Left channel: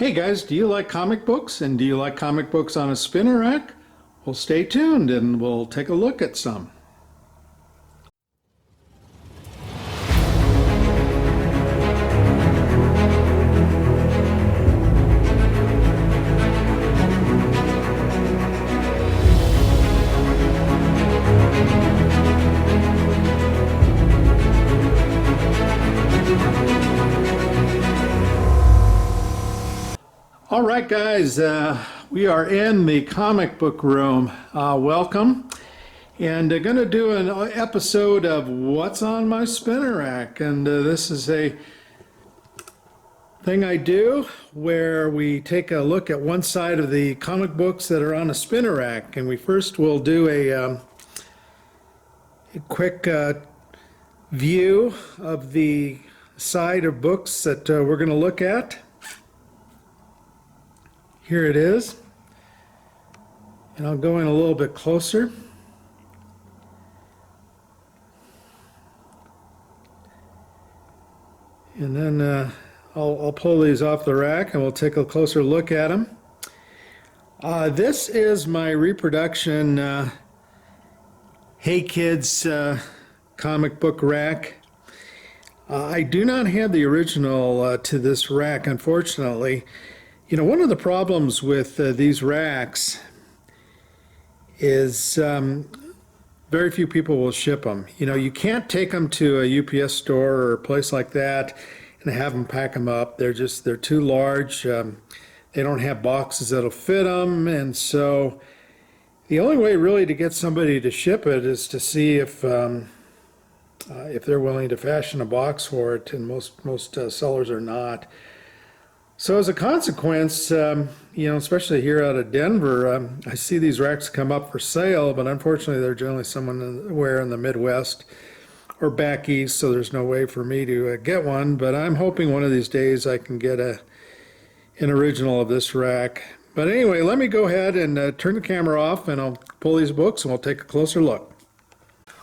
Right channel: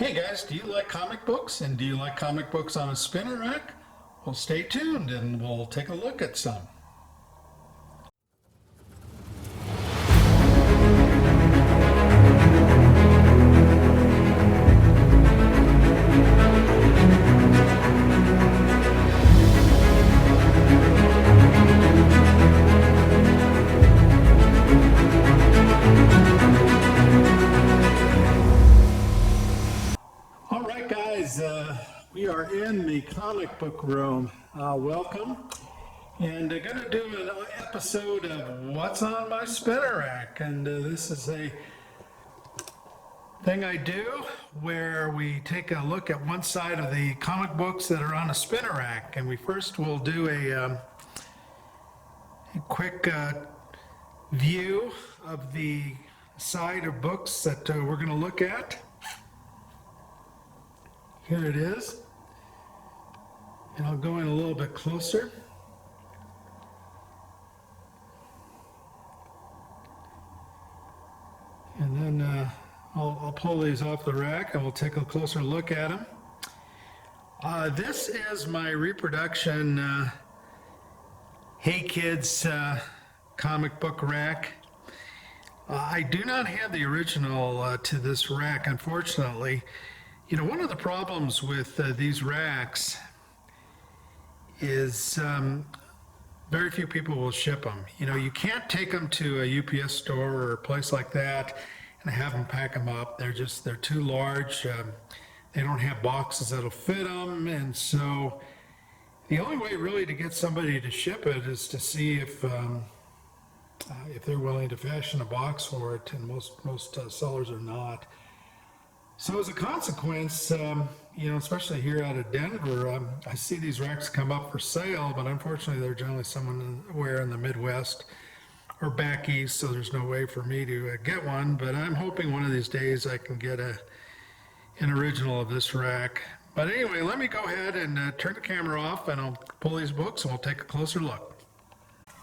Hey guys, do you like comic books and do you like comic books on a spinner rack? Well, stay tuned and we'll take a look at some. All right, guys, we are in the comic book room. Welcome. And going to do an episode of What's on My Spinner Rack. And this is a thing I do where we take a look at one side of the comic books that are on a spinner rack. And we first will do a quick view of the side of books that we're going to look at. Here it is, and I'll go in a little bit closer. And then I'll pull these off the rack and we'll take a closer look at them. This is my reproduction Hey Kids comic book rack. I do not have the original to this rack, unfortunately. You know, one of the problems with these racks is very few people will ship them. You know, you can't take them to a UPS store or a place like that and have them pack them up. They're too large. They don't have boxes that'll fit them. And so the only way really to get somebody to ship it is to see if they're willing to fashion a box for it. And most sellers are not. So as a consequence, you know, especially here out of Denver, I see these racks come up for sale, but unfortunately they're generally somewhere in the Midwest or back east, so there's no way for me to get one. But I'm hoping one of these days I can get an original of this rack. But anyway, let me go ahead and turn the camera off, and I'll pull these books and we'll take a closer look.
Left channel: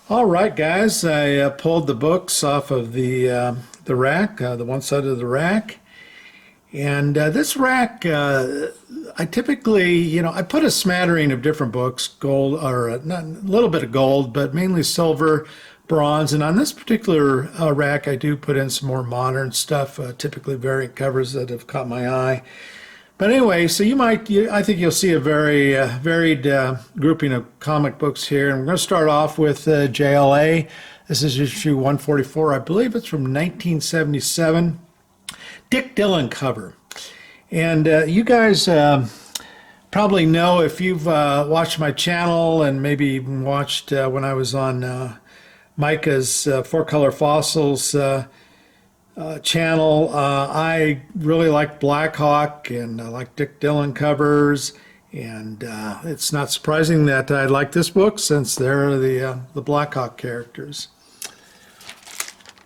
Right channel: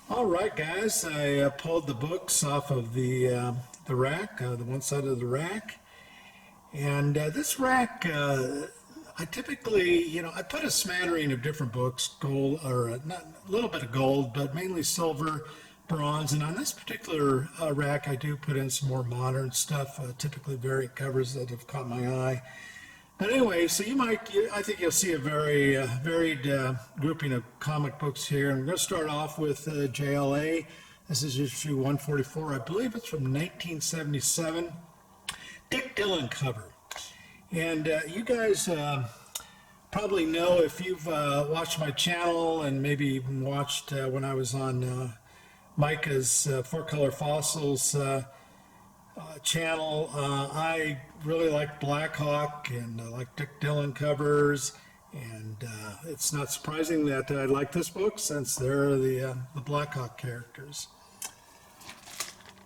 All right, guys, I pulled the books off of the rack, the one side of the rack. And this rack, I typically, you know, I put a smattering of different books, gold, or not, a little bit of gold, but mainly silver, bronze. And on this particular rack, I do put in some more modern stuff, typically variant covers that have caught my eye. But anyway, so I think you'll see a very varied grouping of comic books here. And we're going to start off with JLA. This is issue 144. I believe it's from 1977. Dick Dillon cover. And you guys probably know, if you've watched my channel and maybe even watched when I was on Micah's Four Color Fossils channel, I really like Black Hawk and I like Dick Dillon covers. And it's not surprising that I like this book since they're the Black Hawk characters.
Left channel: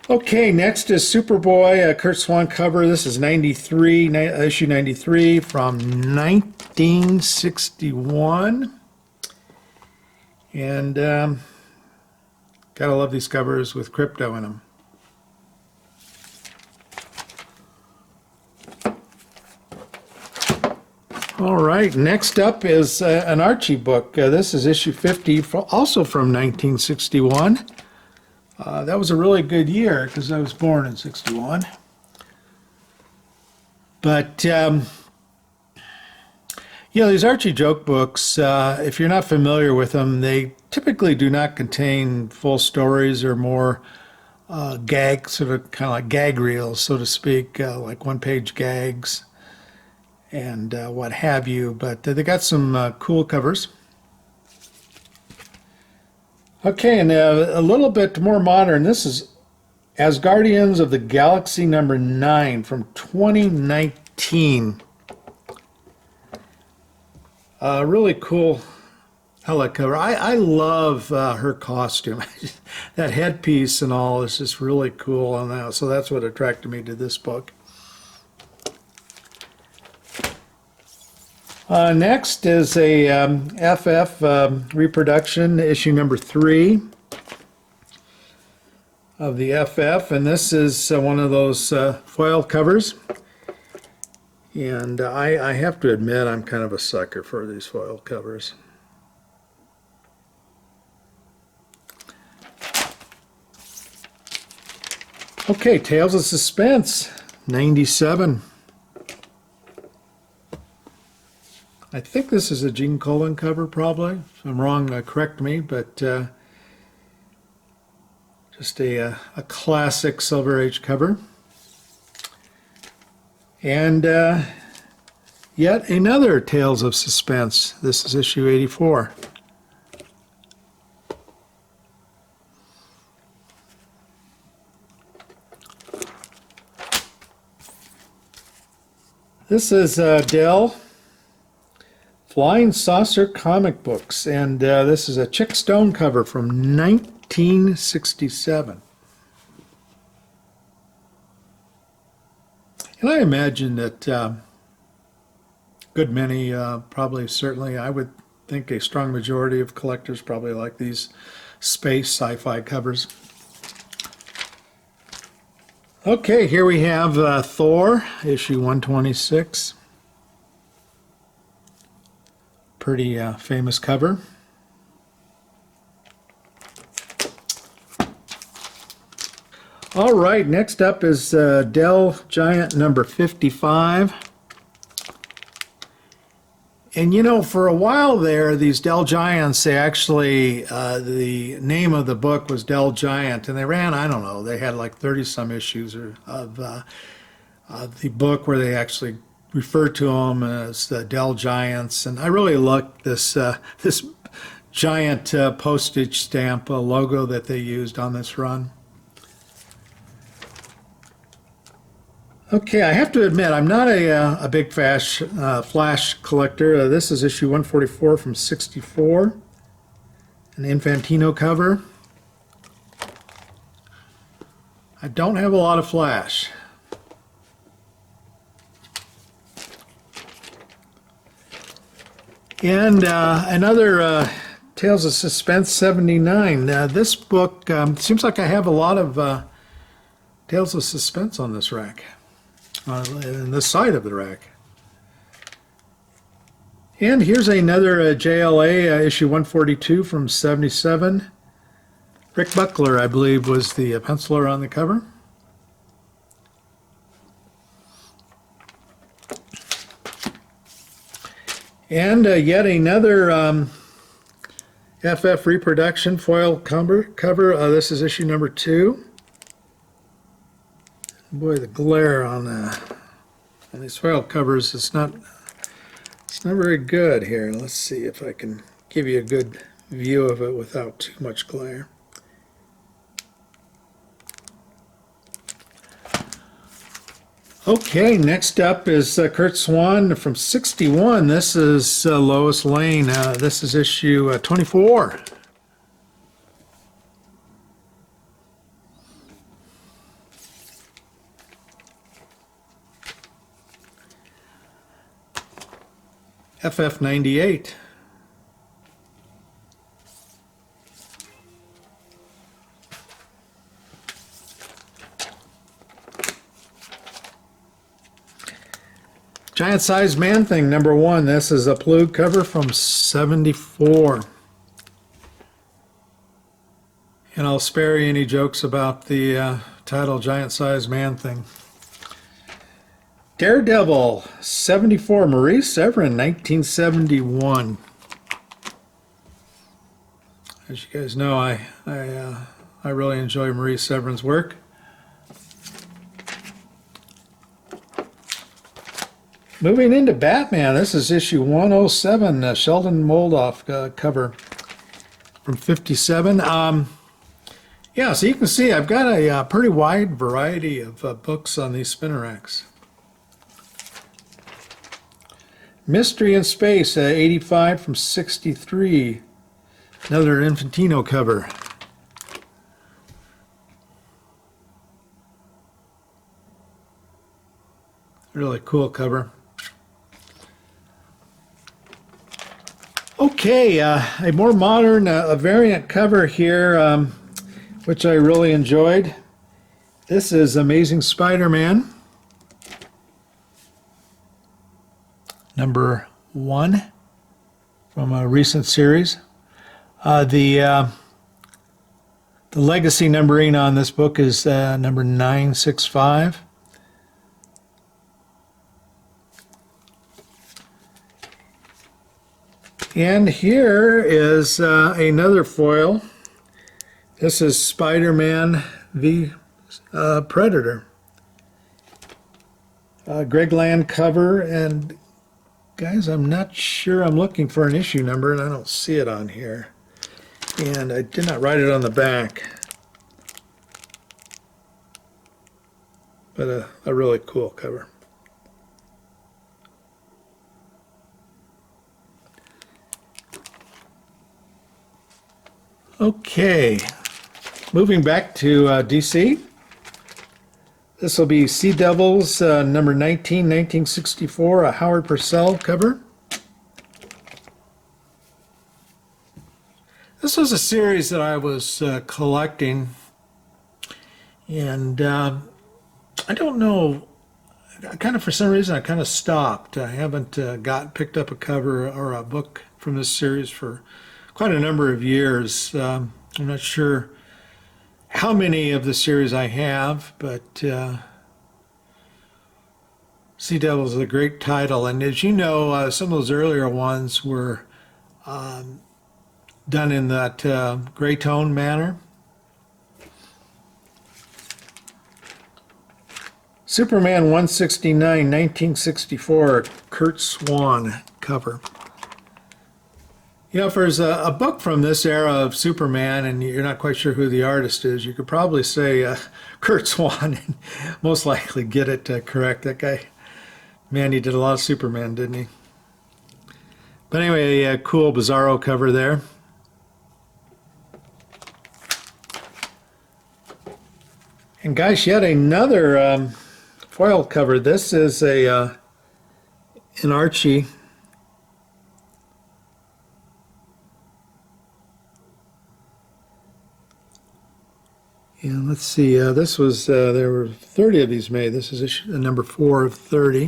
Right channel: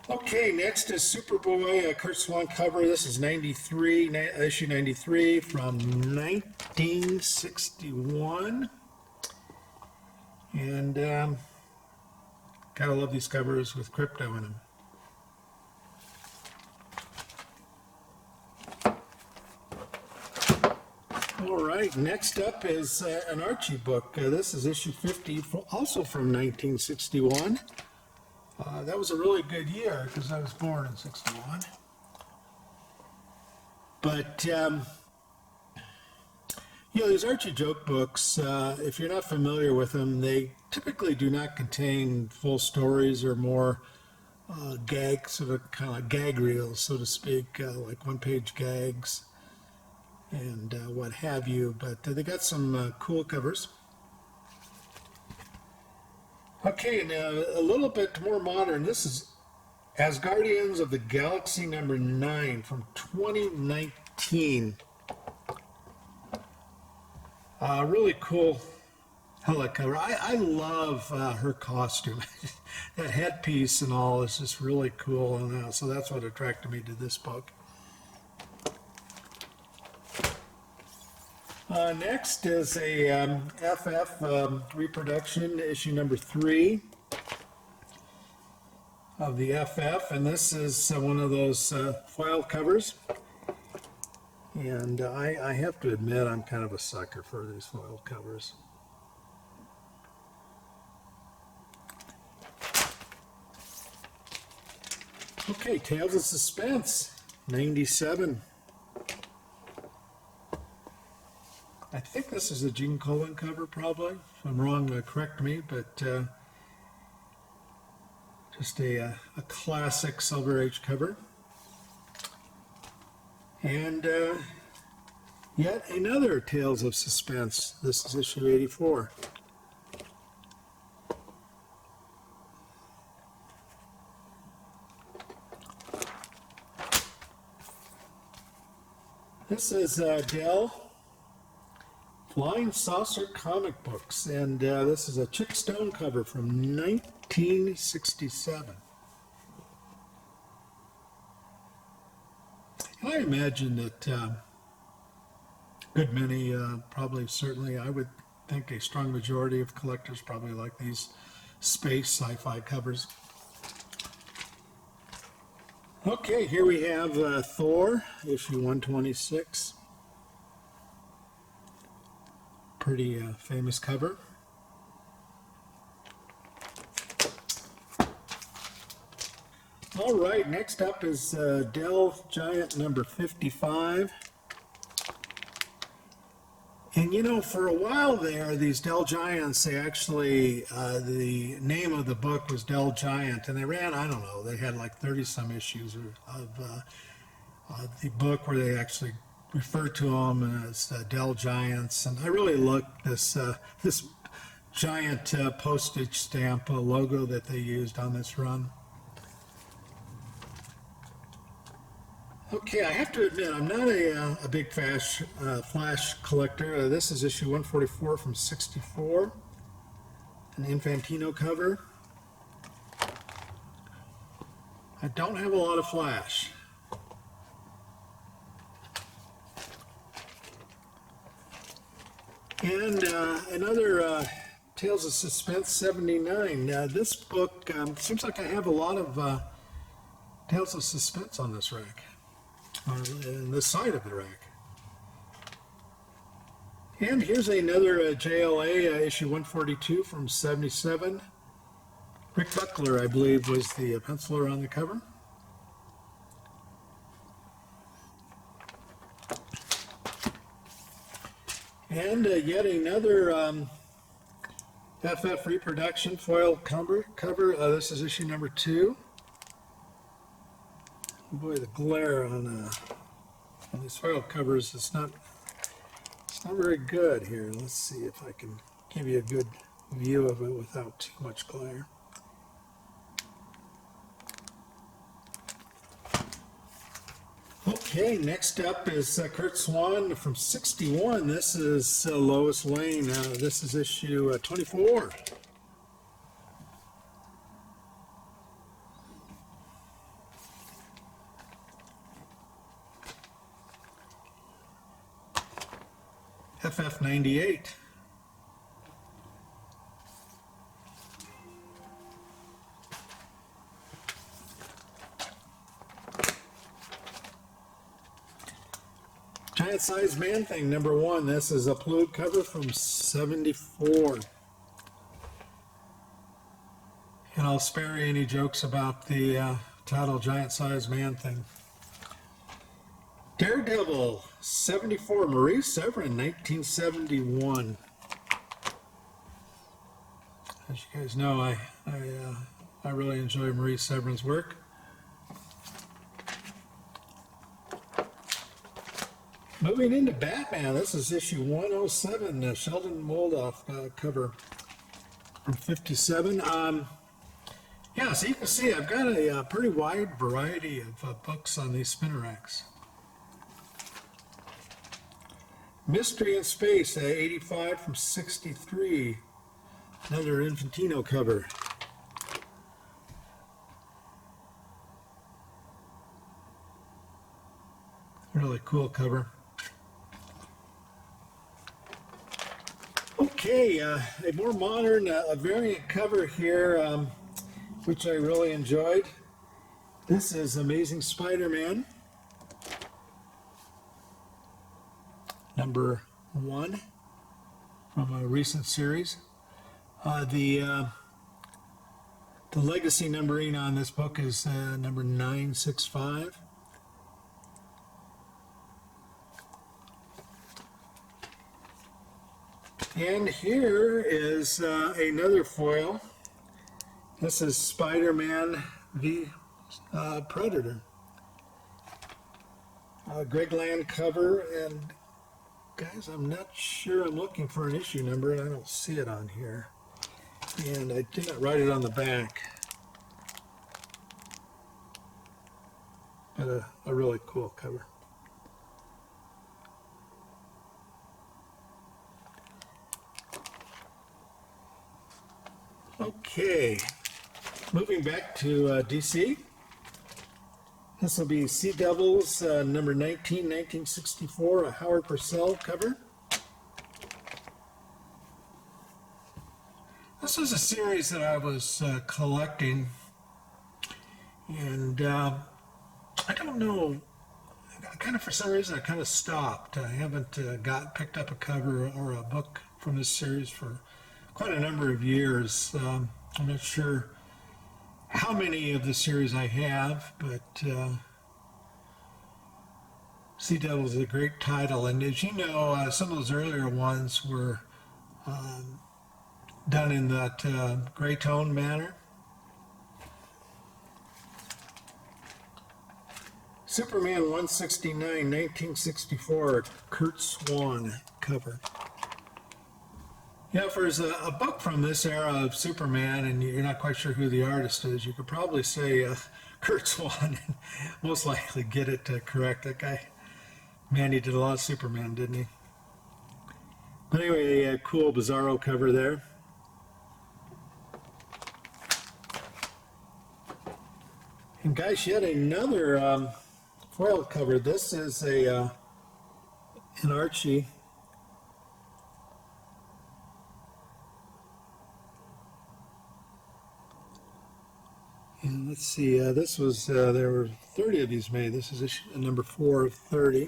Okay, next is Superboy, Kurt Swan cover. This is 93, issue 93 from 1961. And gotta love these covers with crypto in them. All right, next up is an Archie book. This is issue 50, also from 1961. That was a really good year because I was born in 61. But, you know, these Archie joke books, if you're not familiar with them, they typically do not contain full stories or more gag, sort of kind of like gag reels, so to speak, like one-page gags and what have you. But they got some cool covers. Okay, and a little bit more modern. This is As Guardians of the Galaxy number 9 from 2019. Really cool helmet cover. I love her costume. That headpiece and all is just really cool on that. So that's what attracted me to this book. Next is a FF reproduction, issue number 3 of the FF, and this is one of those foil covers. And I have to admit, I'm kind of a sucker for these foil covers. Okay, Tales of Suspense, 97. I think this is a Gene Colan cover, probably. If I'm wrong, correct me, but just a classic Silver Age cover. And yet another Tales of Suspense. This is issue 84. This is Dell Flying Saucer Comic Books, and this is a Chick Stone cover from 1967. And I imagine that good many, probably certainly, I would think a strong majority of collectors probably like these space sci-fi covers. Okay, here we have Thor, issue 126. Pretty famous cover. All right, next up is Dell Giant number 55. And you know, for a while there, these Dell Giants, they actually, the name of the book was Dell Giant, and they ran, I don't know, they had like 30-some issues of the book where they actually referred to them as the Dell Giants. And I really like this this giant postage stamp logo that they used on this run. Okay, I have to admit, I'm not a big Flash collector. This is issue 144 from 64, an Infantino cover. I don't have a lot of Flash. And another Tales of Suspense 79. This book seems like I have a lot of Tales of Suspense on this rack. On this side of the rack. And here's another JLA issue 142 from 77. Rick Buckler, I believe, was the penciler on the cover. And yet another FF reproduction foil cover. This is issue number 2. Boy, the glare on these foil covers is not very good here. Let's see if I can give you a good view of it without too much glare. Okay, next up is Kurt Swan from 61. This is Lois Lane. This is issue 24. FF 98. Giant Size Man Thing number 1. This is a Plug cover from 74. And I'll spare you any jokes about the title Giant Size Man Thing. Daredevil 74, Marie Severin 1971. As you guys know, I really enjoy Marie Severin's work. Moving into Batman, this is issue 107, Sheldon Moldoff cover from 57. Yeah, so you can see I've got a pretty wide variety of books on these spinner racks. Mystery in Space, 85 from 63. Another Infantino cover. Really cool cover. Okay, a more modern, a variant cover here, which I really enjoyed. This is Amazing Spider-Man. number 1 from a recent series. The legacy numbering on this book is number 965. And here is another foil. This is Spider-Man v. Predator. Greg Land cover, and guys, I'm not sure. I'm looking for an issue number, and I don't see it on here. And I did not write it on the back. But a really cool cover. Okay, moving back to DC. This will be Sea Devils number 19, 1964, a Howard Purcell cover. This was a series that I was collecting, and I don't know, kind of for some reason I kind of stopped. I haven't picked up a cover or a book from this series for quite a number of years. I'm not sure how many of the series I have, but Sea Devils is a great title. And as you know, some of those earlier ones were done in that gray tone manner. Superman 169, 1964, Kurt Swan cover. You know, if there's a book from this era of Superman and you're not quite sure who the artist is, you could probably say Kurt Swan and most likely get it correct. That guy, man, he did a lot of Superman, didn't he? But anyway, a cool Bizarro cover there. And guys, yet another foil cover. This is an Archie. And let's see, this was, there were 30 of these made. This is issue number 4 of 30.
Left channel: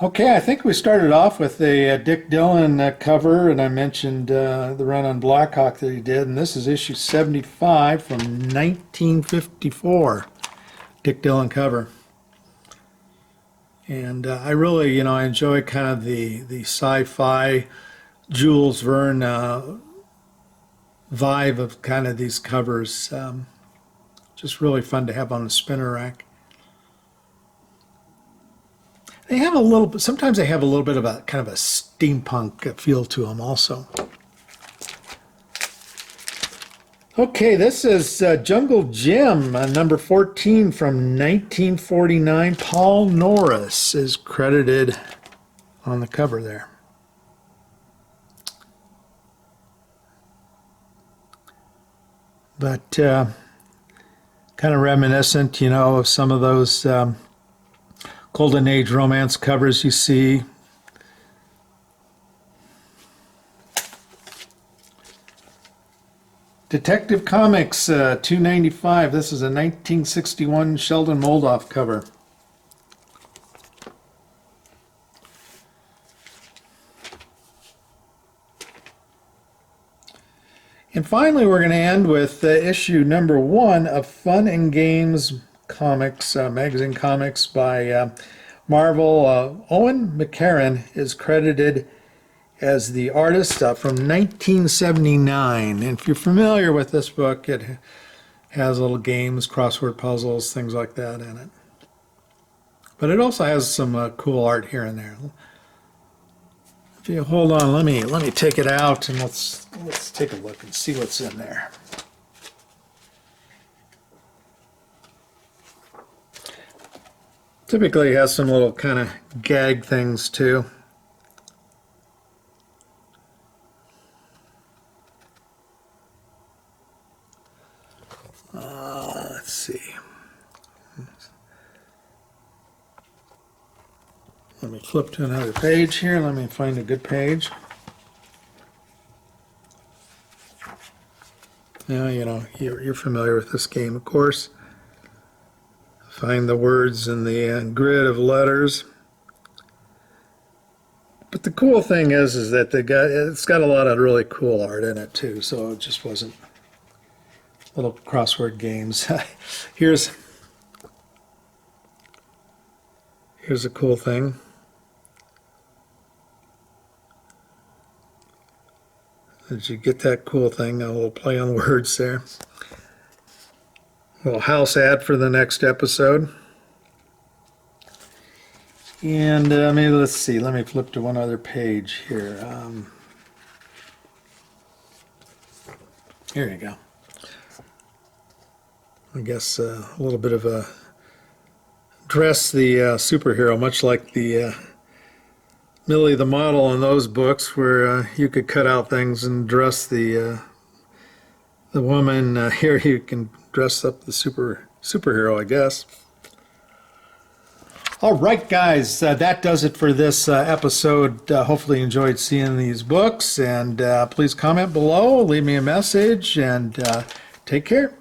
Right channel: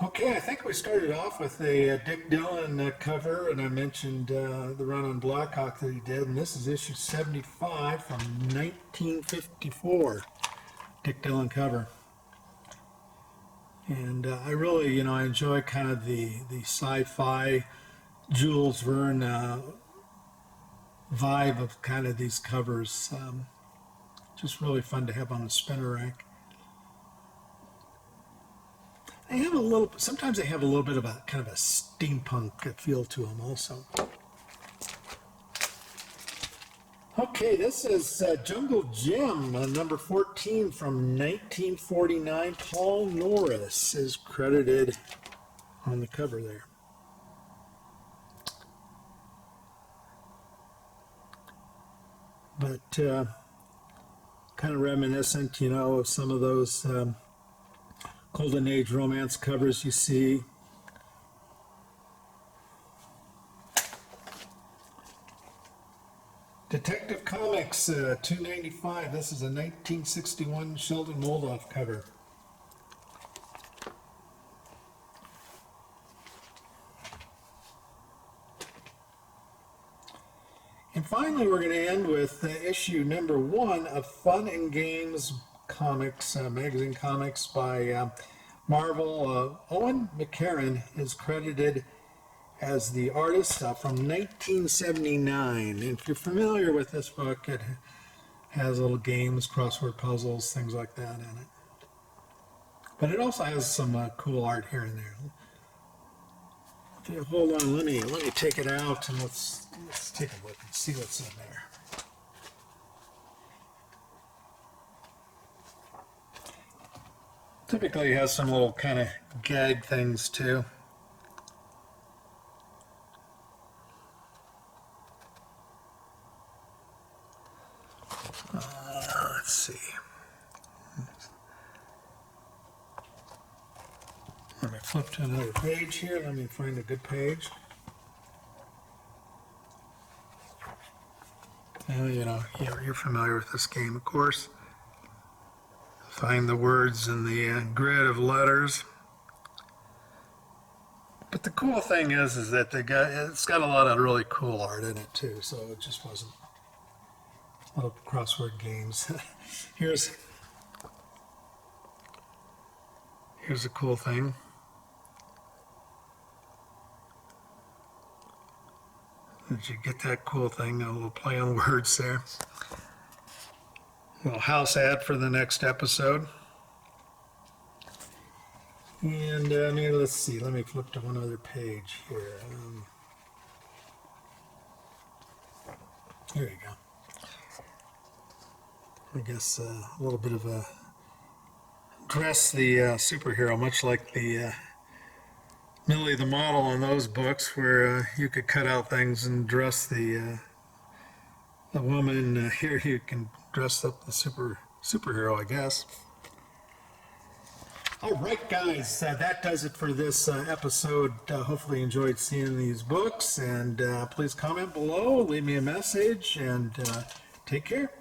Okay, I think we started off with a Dick Dillon cover, and I mentioned the run on Blackhawk that he did, and this is issue 75 from 1954, Dick Dillon cover. And I really, you know, I enjoy kind of the sci-fi Jules Verne vibe of kind of these covers. Just really fun to have on the spinner rack. They have a little bit, sometimes they have a little bit of a kind of a steampunk feel to them also. Okay, this is Jungle Jim, number 14 from 1949. Paul Norris is credited on the cover there. But kind of reminiscent, you know, of some of those Golden Age romance covers you see. Detective Comics, $2.95. This is a 1961 Sheldon Moldoff cover. And finally, we're going to end with issue number 1 of Fun and Games Comics, magazine comics by Marvel. Owen McCarran is credited as the artist from 1979. And if you're familiar with this book, it has little games, crossword puzzles, things like that in it. But it also has some cool art here and there. If you hold on, let me take it out and let's take a look and see what's in there. Typically it has some little kind of gag things too. Let's see. Let me flip to another page here. Let me find a good page. Now, you know, you're familiar with this game, of course. find the words in the grid of letters. But the cool thing is that it's got a lot of really cool art in it too. So it just wasn't little crossword games. Here's a cool thing. Did you get that cool thing? A little play on words there. A little house ad for the next episode. And maybe let's see. Let me flip to one other page here. Here you go. I guess a little bit of a dress the superhero, much like the Millie the Model in those books, where you could cut out things and dress the woman. Here you can dress up the superhero, I guess. All right, guys, that does it for this episode. Hopefully you enjoyed seeing these books, and please comment below, leave me a message, and take care.